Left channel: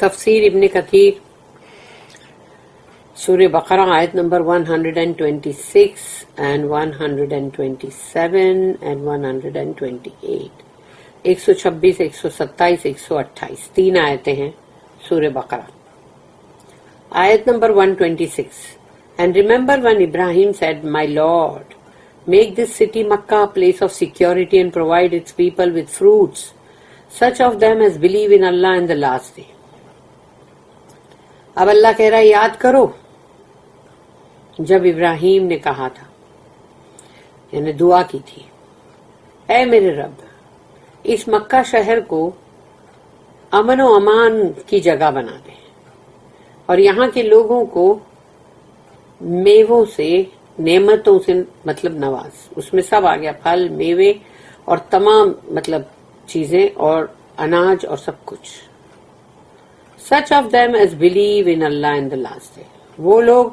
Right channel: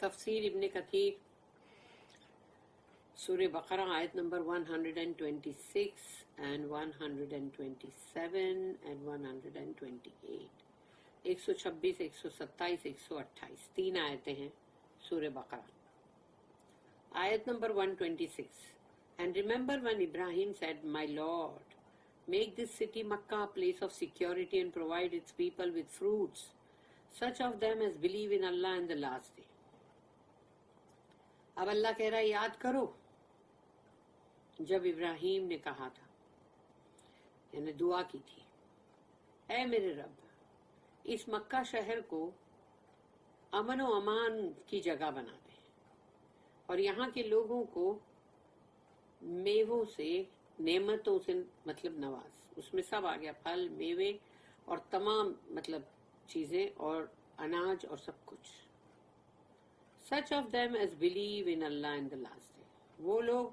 تفسیر ابن کثیر سورہ بقرہ آیت نمبر 126 and 127 and 128 126 127 128 تین آیتیں ہیں سورہ بقرہ. آیت number 126 And remember when Ibrahim said, My Lord, make this city Makkah a place of security and provide its people with fruits, such of them as believe in Allah and the last day. اب اللہ کہہ رہا ہے یاد کرو جب ابراہیم نے کہا تھا، یعنی دعا کی تھی، اے میرے رب اس مکہ شہر کو امن و امان کی جگہ بنا دے اور یہاں کے لوگوں کو میووں سے، نعمتوں سے مطلب نواز، اس میں سب آ گیا، پھل، میوے اور تمام مطلب چیزیں اور اناج اور سب کچھ. Such of them as believe in Allah in the last day, وہ لوگ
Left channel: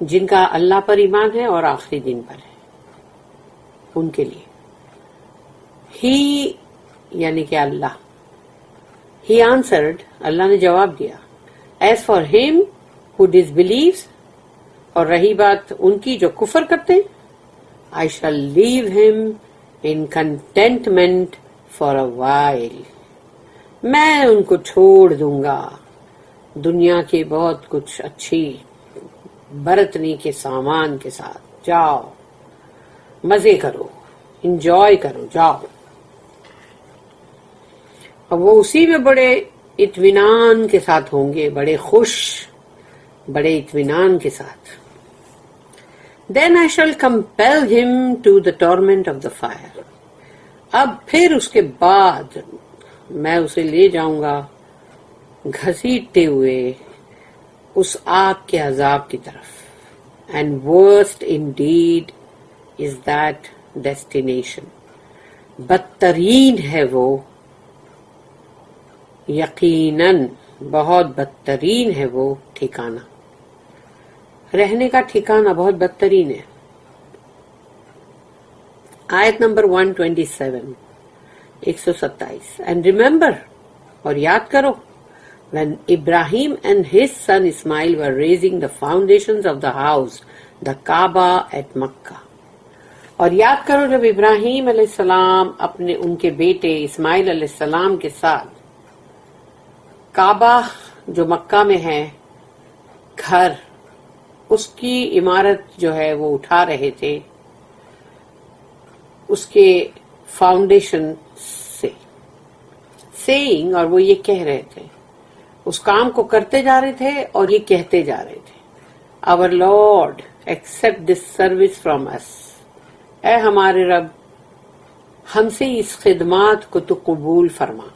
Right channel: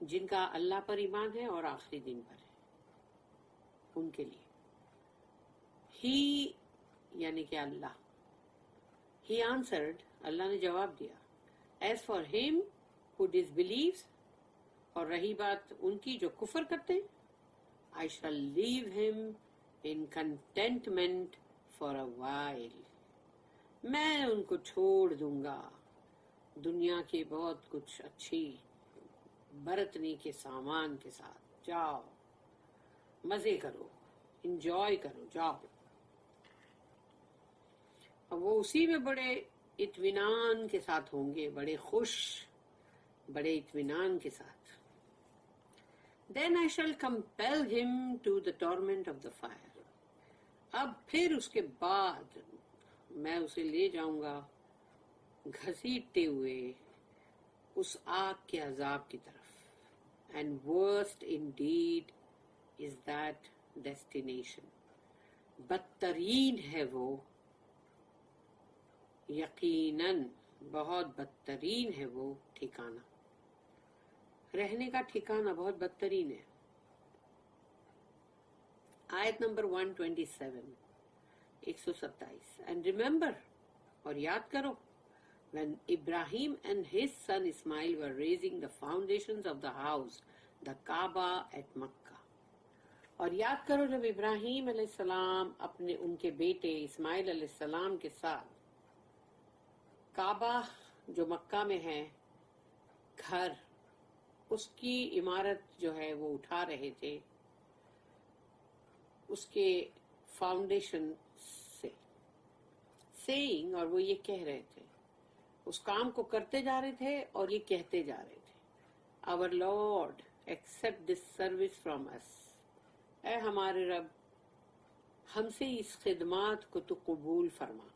جن کا اللہ پر ایمان ہے اور آخری دن پر ہے، ان کے لیے. ہی یعنی کہ اللہ، ہی آنسرڈ، اللہ نے جواب دیا، ایز فار ہم ہو ڈس بلیوز، اور رہی بات ان کی جو کفر کرتے ہیں، I shall leave him in contentment for a while، میں ان کو چھوڑ دوں گا دنیا کے بہت کچھ اچھی برتنے کے سامان کے ساتھ، جاؤ مزے کرو، انجوائے کرو، جاؤ. اور وہ اسی میں بڑے اطمینان کے ساتھ ہوں گے، بڑے خوش، بڑے اطمینان کے ساتھ. Then I shall compel him to the torment of the fire، اب پھر اس کے بعد میں اسے لے جاؤں گا گھسیٹتے ہوئے اس آگ کے عذاب کی طرف. And worst indeed is that destination، بدترین ہے وہ، یقیناً بہت بدترین ہے وہ ٹھکانہ، رہنے کا ٹھکانہ بہت بدترین ہے. آیت نمبر 127 127 And remember، اور یاد کرو، when Ibrahim and his son Ismail were raising the foundations of the house, the Kaaba at Makkah، اور یاد کرو جب ابراہیم علیہ السلام اپنے ان کے بیٹے اسماعیل علیہ السلام کے ساتھ کعبہ جو مکہ میں ہے گھر، اس کی عمارت جو ہے وہ اٹھا رہے تھے اس کے فاؤنڈیشن سے، سیئنگ، اور وہ یہ کہہ رہے تھے، اس کام کو کرتے جا رہے تھے اور یہ کہتے جا رہے تھے، Our Lord accept this service from us، اے ہمارے رب ہم سے اس خدمات کو تو قبول فرما.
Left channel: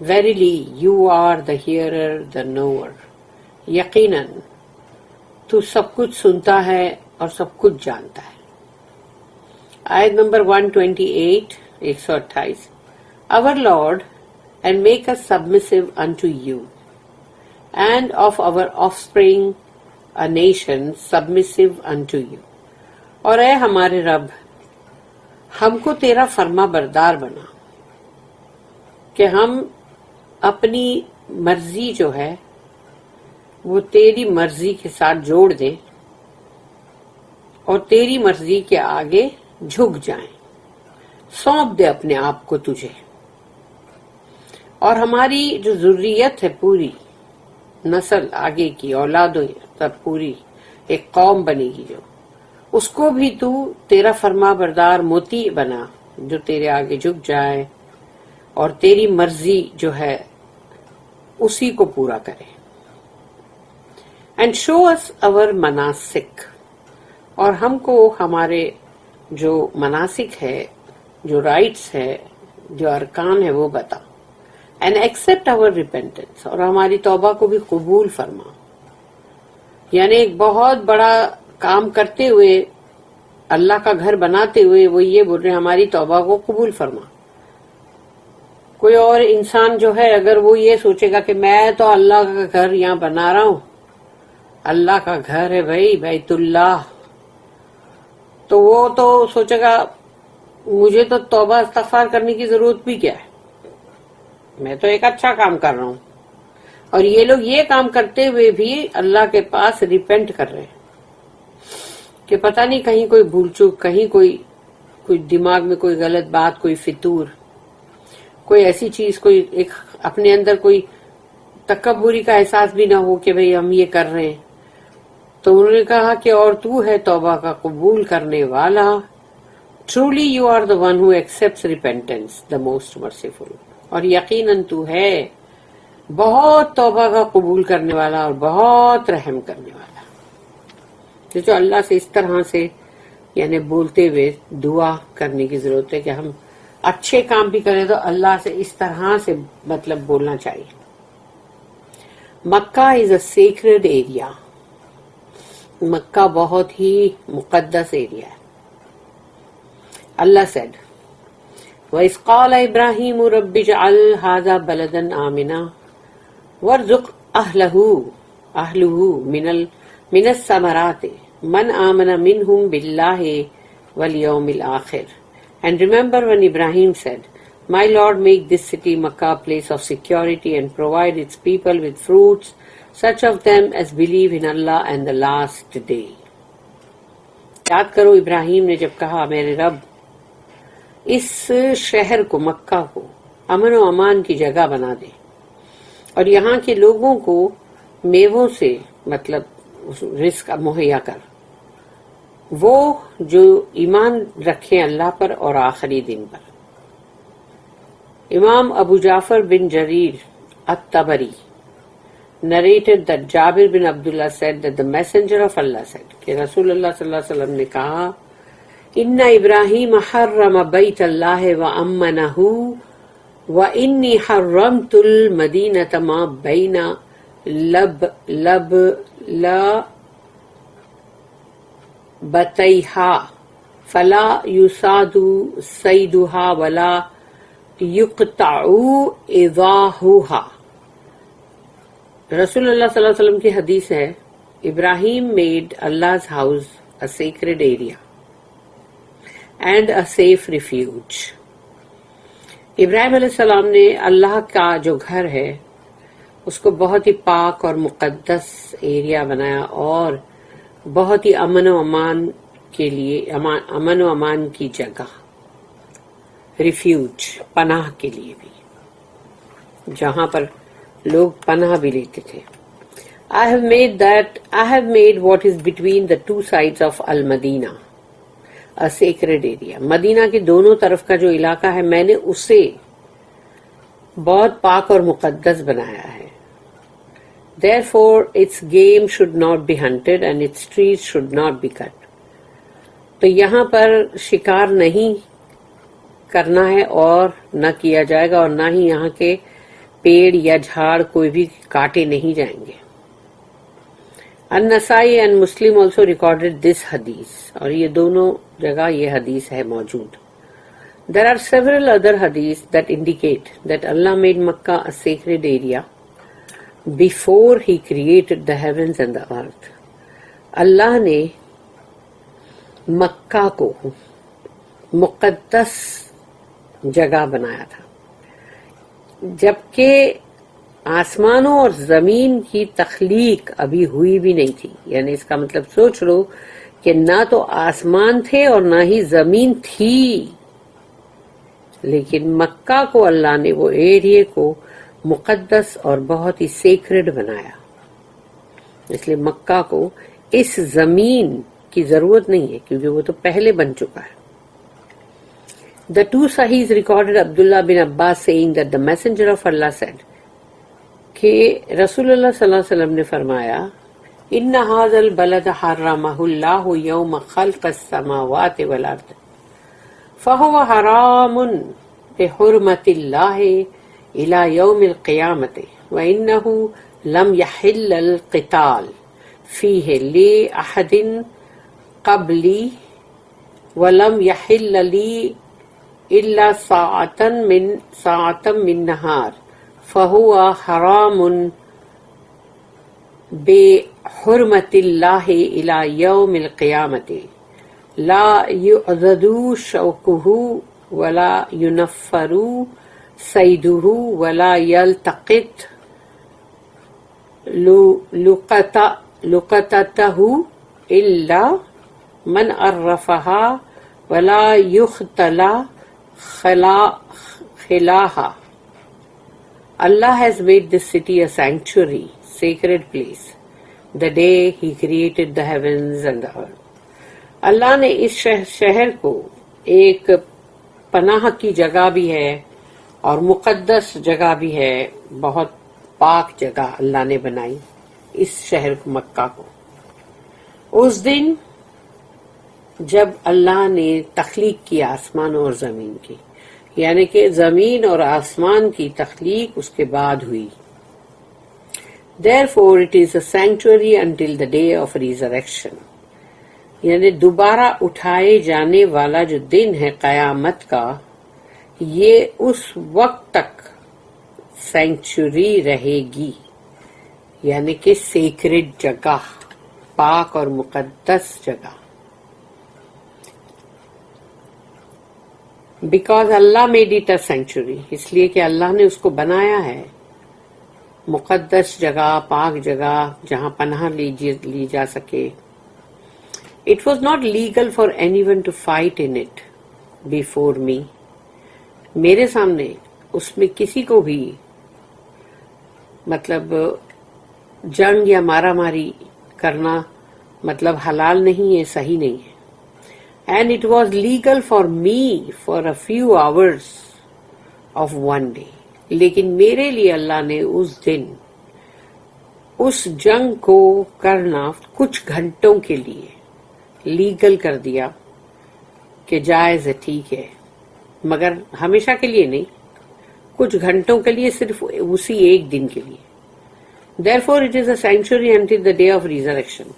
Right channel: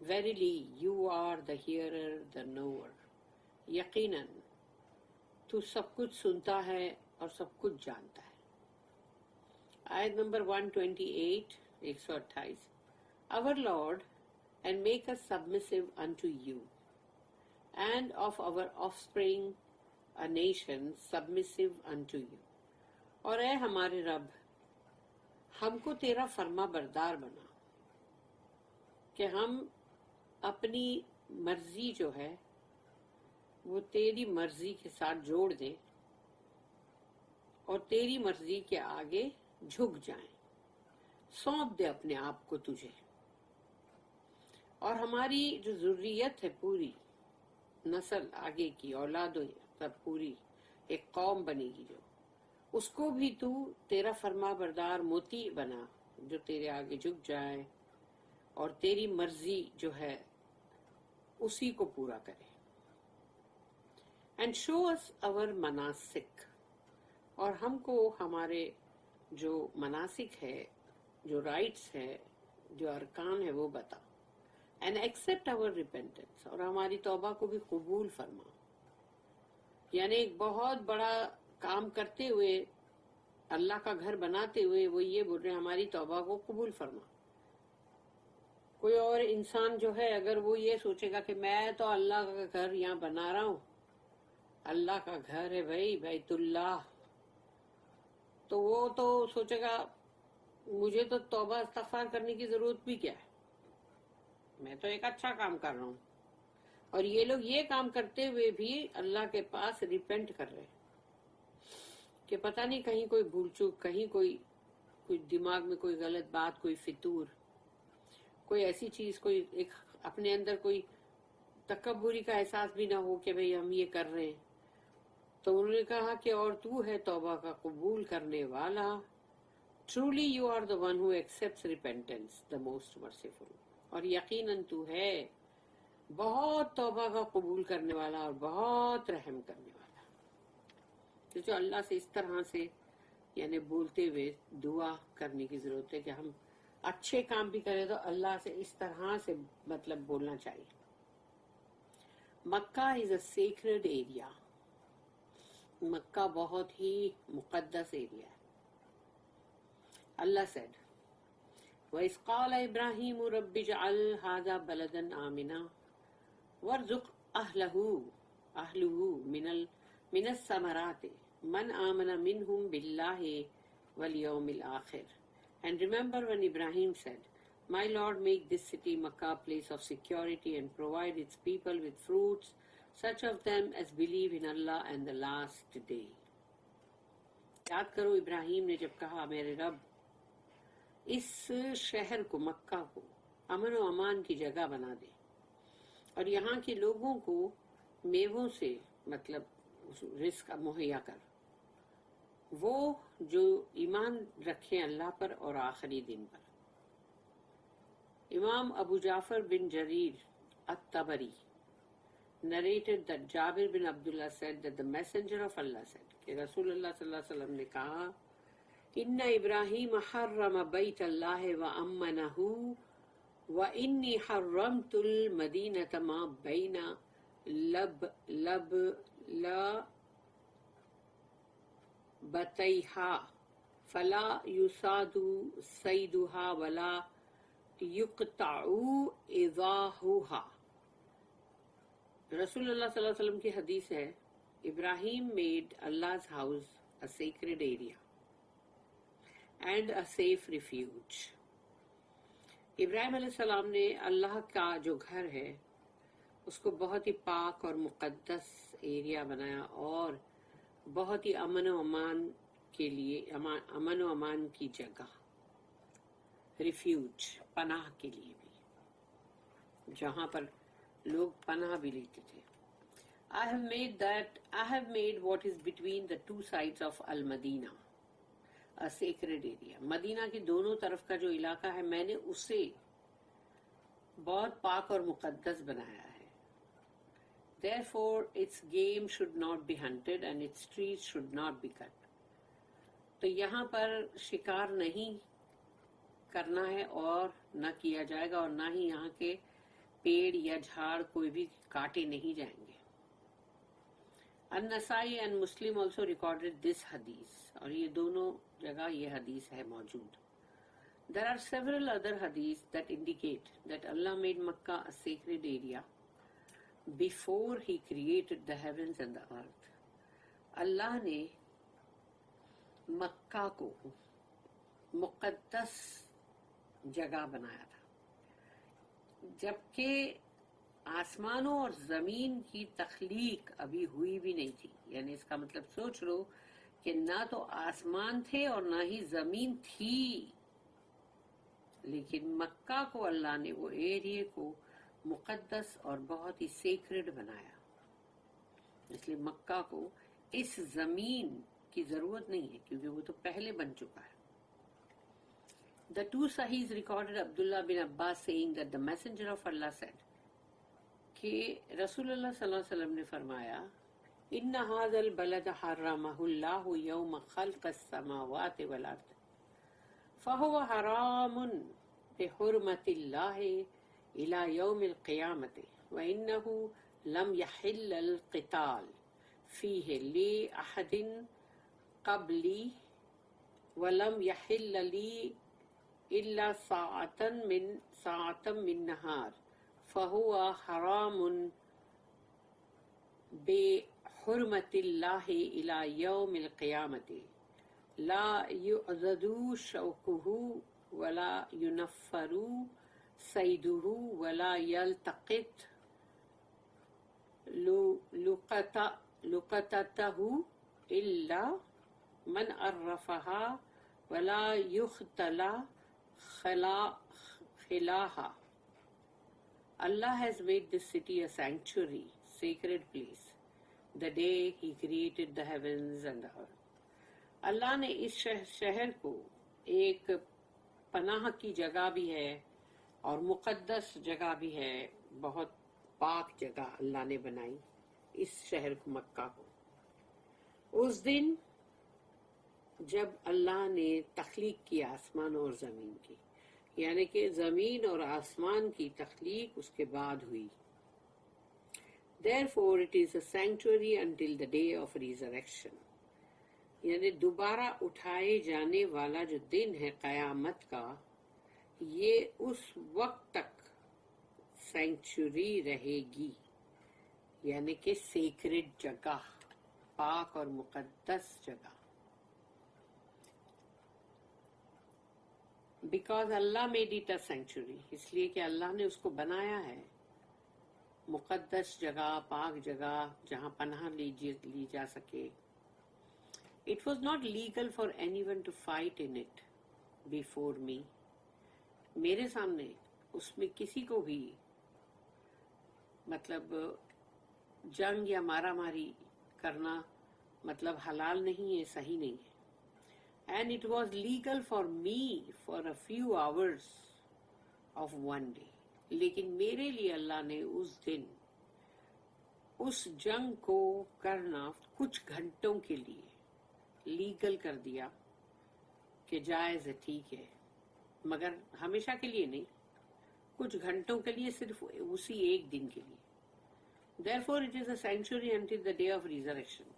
Verily you are the hearer, the knower، یقیناً تو سب کچھ سنتا ہے اور سب کچھ جانتا ہے. آیت number 128 128 Our Lord and make us submissive unto you and of our offspring a nation submissive unto you، اور اے ہمارے رب ہم کو تیرا فرما بردار بنا کہ ہم اپنی مرضی جو ہے وہ تیری مرضی کے ساتھ جوڑ دیں اور تیری مرضی کے آگے جھک جائیں، سونپ دے اپنے آپ کو تجھے. اور ہماری جو ذریت ہے، پوری نسل آگے کی اولادوں تب پوری ایک قوم بنے گی، جو اس کو بھی تو تیرا فرما بردار موتی بنا جو تیرے آگے جھک جائے اور تیری مرضی جو ہے اسی کو پورا کرے. اینڈ شو اس our مناسک، اور ہم کو ہمارے جو مناسک ہے، جو رائٹس ہے، جو ارکان ہے وہ بتا. اینڈ ایکسپٹ our repentance، اور ہماری توبہ کو بھی قبول فرما. یعنی ایک بہت بڑا کام کرتے ہوئے، اللہ کا گھر بناتے ہوئے وہ یہ بول رہے ہماری توبہ کو قبول فرما. کوئی اور انسان جو ہے اگر وہ یہ سوچے گا کہ میں تو اللہ کا گھر یہاں بنا رہا ہوں، اللہ کا گھر ہے بھائی، بیت اللہ، تو وہ تو سوچے گا مجھے تو توبہ استغفار کرنے کی ضرورت بھی کیا ہے، میں تو ایک اچھا کام کر رہا ہوں. اور یہ لوگ یہ کام کرتے ہوئے بھی اللہ کے پاس ریپینٹ کر رہے ہیں کہ پتہ نہیں کہیں کوئی بھول چوک، کہیں کوئی دماغ میں کوئی غلط بات، کوئی فطور، کوئی ایسی چیز، کوئی ایک اپنے اندر کوئی تکبری کا احساس بھی نہ ہو کہ بھئی ہم یہ کر رہے ہیں. تو انہوں نے کہا کہ اور تو ہے توبہ کا قبول کرنے والا. Truly you are the one who accepts repentance, the most merciful. اور یقیناً تو ہے بہت توبہ کا قبول کرنے والا اور بہت رحم کرنے والا. جو اللہ سے اس طرح سے یعنی بولتے ہوئے دعا کرنے کی ضرورت ہے کہ ہم اچھے کام بھی کریں تو اللہ سے اس طرح سے مطلب بولنا چاہیے. مکہ از اے سیکرڈ ایریا. مکہ بہت ہی مقدس ایریا ہے. اللہ said وَإِذْ قَالَ إِبْرَاهِيمُ رَبِّ اجْعَلْ هَذَا بَلَدًا آمِنًا وَارْزُقْ أَهْلَهُ مِنَ الثَّمَرَاتِ مَنْ آمَنَ مِنْهُمْ بِاللَّهِ وَالْيَوْمِ الْآخِرِ. And remember when Ibrahim said, My Lord, make this city Makkah a place of security and provide its people with fruits, such of them as believe in Allah and the last day. یاد کرو ابراہیم نے جب کہا میرے رب اس شہر کو، مکہ کو امن و امان کی جگہ بنا دے اور یہاں کے لوگوں کو میووں سے مطلب رزق مہیا کر، وہ جو ایمان رکھیں اللہ پر اور آخری دن پر. امام ابو جعفر بن جریر الطبری narrated that Jabir bin Abdullah said that the messenger of Allah said کہ رسول اللہ صلی اللہ علیہ وسلم نے کہا ان ابراہیم حرم بیت اللہ وامنہ وانی حرمت المدینۃ ما بین لبتیہا فلا یصاد صیدہا ولا یقطع اضاحھا. رسول اللہ صلی اللہ علیہ وسلم کی حدیث ہے ابراہیم made Allah's house a sacred area and a safe refuge. ابراہیم علیہ السلام نے اللہ کا جو گھر ہے اس کو بہت ہی پاک اور مقدس ایریا بنایا اور بہت ہی امن و امان کے لیے، امن و امان کی جگہ، ریفیوج پناہ کے لیے بھی، جہاں پر لوگ پناہ بھی لیتے تھے. I have made what is between the two sides of Al-Madina a sacred area. مدینہ کے دونوں طرف کا جو علاقہ ہے میں نے اسے بہت پاک اور مقدس بنایا ہے. Therefore its game should not be hunted and its trees should not be cut. تو یہاں پر شکار نہیں کرنا ہے اور نہ کیا جائے گا، اور نہ ہی یہاں کے پیڑ یا جھاڑ کوئی بھی کاٹے نہیں جائیں گے. النسائی and Muslim also recorded this hadith. اور یہ دونوں جگہ یہ حدیث ہے موجود. There are several other hadiths that indicate that Allah made Makkah a sacred area before He created the heavens and the earth. اللہ نے مکہ کو مقدس جگہ بنایا تھا جبکہ آسمانوں اور زمین کی تخلیق ابھی ہوئی بھی نہیں تھی. یعنی اس کا مطلب سوچ لو کہ نہ تو آسمان تھے اور نہ ہی زمین تھی، لیکن مکہ کو اللہ نے وہ ایریے کو مقدس اور بہت ہی سیکرڈ بنایا. اس لیے مکہ کو اس زمین کی ضرورت نہیں ہے کیونکہ وہ تو پہلے بن چکا ہے. The two Sahihs recorded Abdullah bin Abbas saying that the messenger of Allah said کہ رسول اللہ صلی اللہ علیہ وسلم نے فرمایا ان هذا البلد حرمه الله يوم خلق السماوات والارض فهو حرام بحرمة الله الى يوم القيامة وانه لم يحل القتال فيه لأحد قبلي ولم يحل لي إلا ساعة من نهار فهو حرام بحرمة الله إلى يوم القيامة لا يعضد شوكه ولا ينفر صيده ولا يلتقط لقطته إلا من عرفها ولا يختلى خلاها. Allah has made this city a sanctuary, sacred place, the day He created the heavens and the earth. اللہ نے اس شہر کو ایک پناہ کی جگہ بھی ہے اور مقدس جگہ بھی ہے، بہت پاک جگہ اللہ نے بنائی اس شہر مکہ کو اس دن جب اللہ نے تخلیق کی آسمان اور زمین کی، یعنی کہ زمین اور آسمان کی تخلیق اس کے بعد ہوئی. Therefore it is a sanctuary until the day of resurrection. یعنی دوبارہ اٹھائے جانے والا جو دن ہے قیامت کا، یہ اس وقت تک سینکچوری رہے گی، یعنی کہ سیکرڈ جگہ، پاک اور مقدس جگہ. Because Allah made it a sanctuary, اس لیے کہ اللہ نے اس کو بنایا ہے مقدس جگہ، پاک جگہ جہاں پناہ لی جا سکے. It was not legal for anyone to fight in it before me. میرے سامنے اس میں کسی کو بھی مطلب جنگ یا مارا ماری کرنا مطلب حلال نہیں ہے، صحیح نہیں ہے. And it was legal for me for a few hours of one day. لیکن میرے لیے اللہ نے اس دن اس جنگ کو کرنا کچھ گھنٹوں کے لیے لیگل کر دیا کہ جائز ہے، ٹھیک ہے، مگر ہمیشہ کے لیے نہیں، کچھ گھنٹوں کے لیے، صرف اسی ایک دن کے لیے. Therefore it is a sanctuary until the day of resurrection.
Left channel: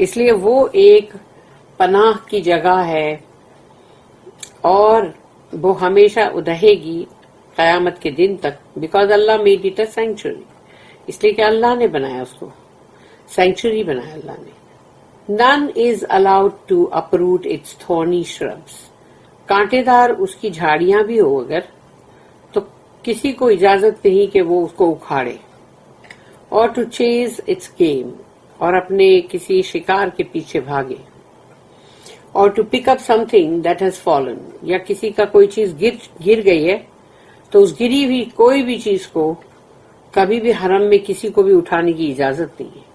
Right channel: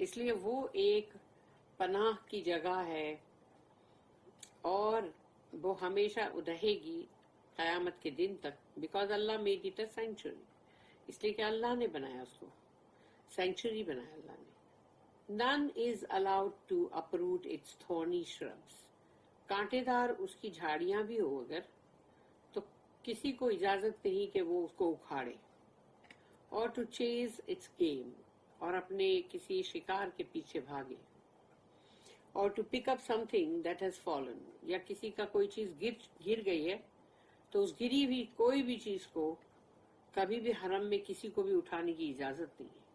اس لیے وہ ایک پناہ کی جگہ ہے اور وہ ہمیشہ رہے گی قیامت کے دن تک. Because Allah made it a sanctuary, اس لیے کہ اللہ نے بنایا، اس کو سینکچوری بنایا اللہ نے. None is allowed to uproot its thorny shrubs. کانٹے دار اس کی جھاڑیاں بھی ہو اگر تو کسی کو اجازت نہیں کہ وہ اس کو اکھاڑے. اور to chase its game، اور اپنے کسی شکار کے پیچھے بھاگے. اور to pick up something that has fallen، یا کسی کا کوئی چیز گر گئی ہے تو اس گری ہوئی کوئی بھی چیز کو کبھی بھی حرم میں کسی کو بھی اٹھانے کی اجازت نہیں ہے،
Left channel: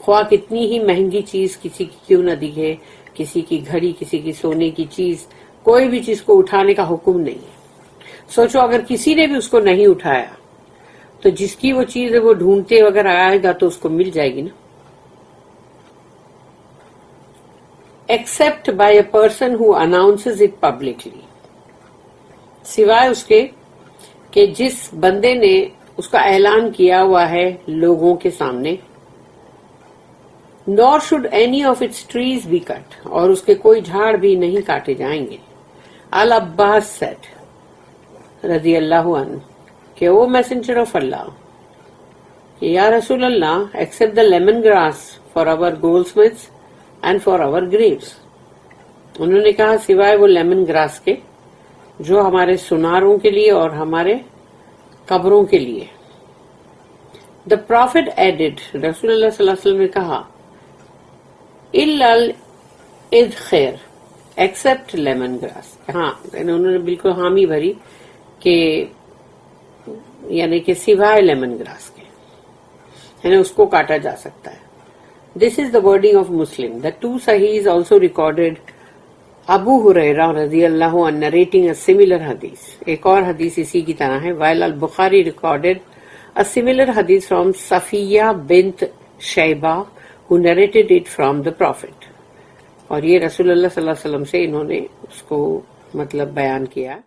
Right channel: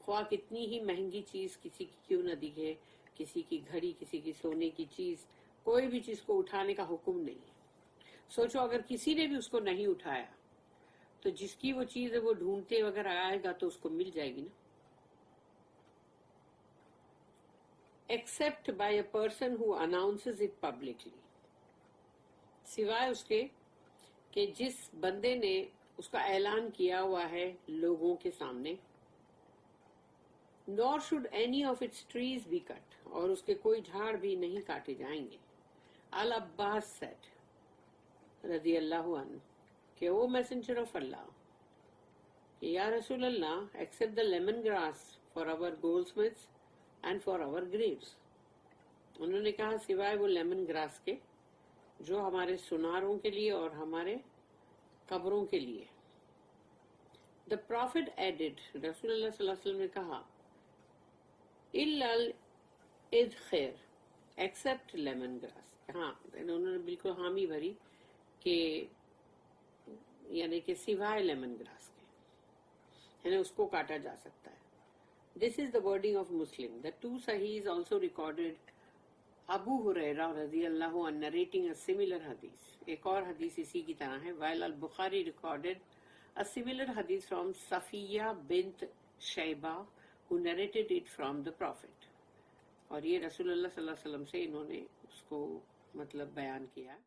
خواہ کتنی ہی مہنگی چیز کسی کی کیوں نہ دکھے، کسی کی گھڑی، کسی کی سونے کی چیز، کوئی بھی چیز کو اٹھانے کا حکم نہیں ہے. سوچو اگر کسی نے بھی اس کو نہیں اٹھایا تو جس کی وہ چیز ہے وہ ڈھونڈتے اگر آئے گا تو اس کو مل جائے گی نا. Accept by a person who announces it publicly, سوائے اس کے کہ جس بندے نے اس کا اعلان کیا ہوا ہے لوگوں کے سامنے. nor should any of its trees be cut، اور اس کے کوئی جھاڑ بھی نہیں کاٹے جائیں گے. العباس said رضی اللہ عنہ کہ وہ میسنجر آف اللہ، یا رسول اللہ، except the lemon grass for our goldsmiths and for our graves. انہوں نے کہا سوائے وہ لیمن گراس کے جو ہمارے سناروں کے لیے اور ہمارے قبروں کے لیے. The prophet added، رسول اللہ صلی اللہ علیہ وسلم نے کہا الا الادخر ایکسپٹ لیمن گراس. ہاں انہوں نے بالکل حامی بھری کہ یعنی کہ سوائے لیمن گراس کے، یعنی اس کو کاٹا جا سکتا ہے. This is the wording of Muslim. The two Sahihs also recorded Abu Hurairah رضی اللہ عنہ narrating a similar hadith. ایک اور حدیث اسی کی طرح ہے. While al-Bukhari recorded a similar hadith from Safiya bint Shayba who narrated it from the Prophet. اور یہ رسول اللہ صلی اللہ علیہ وسلم سے انہوں نے اس کو مطلب بیان کیا.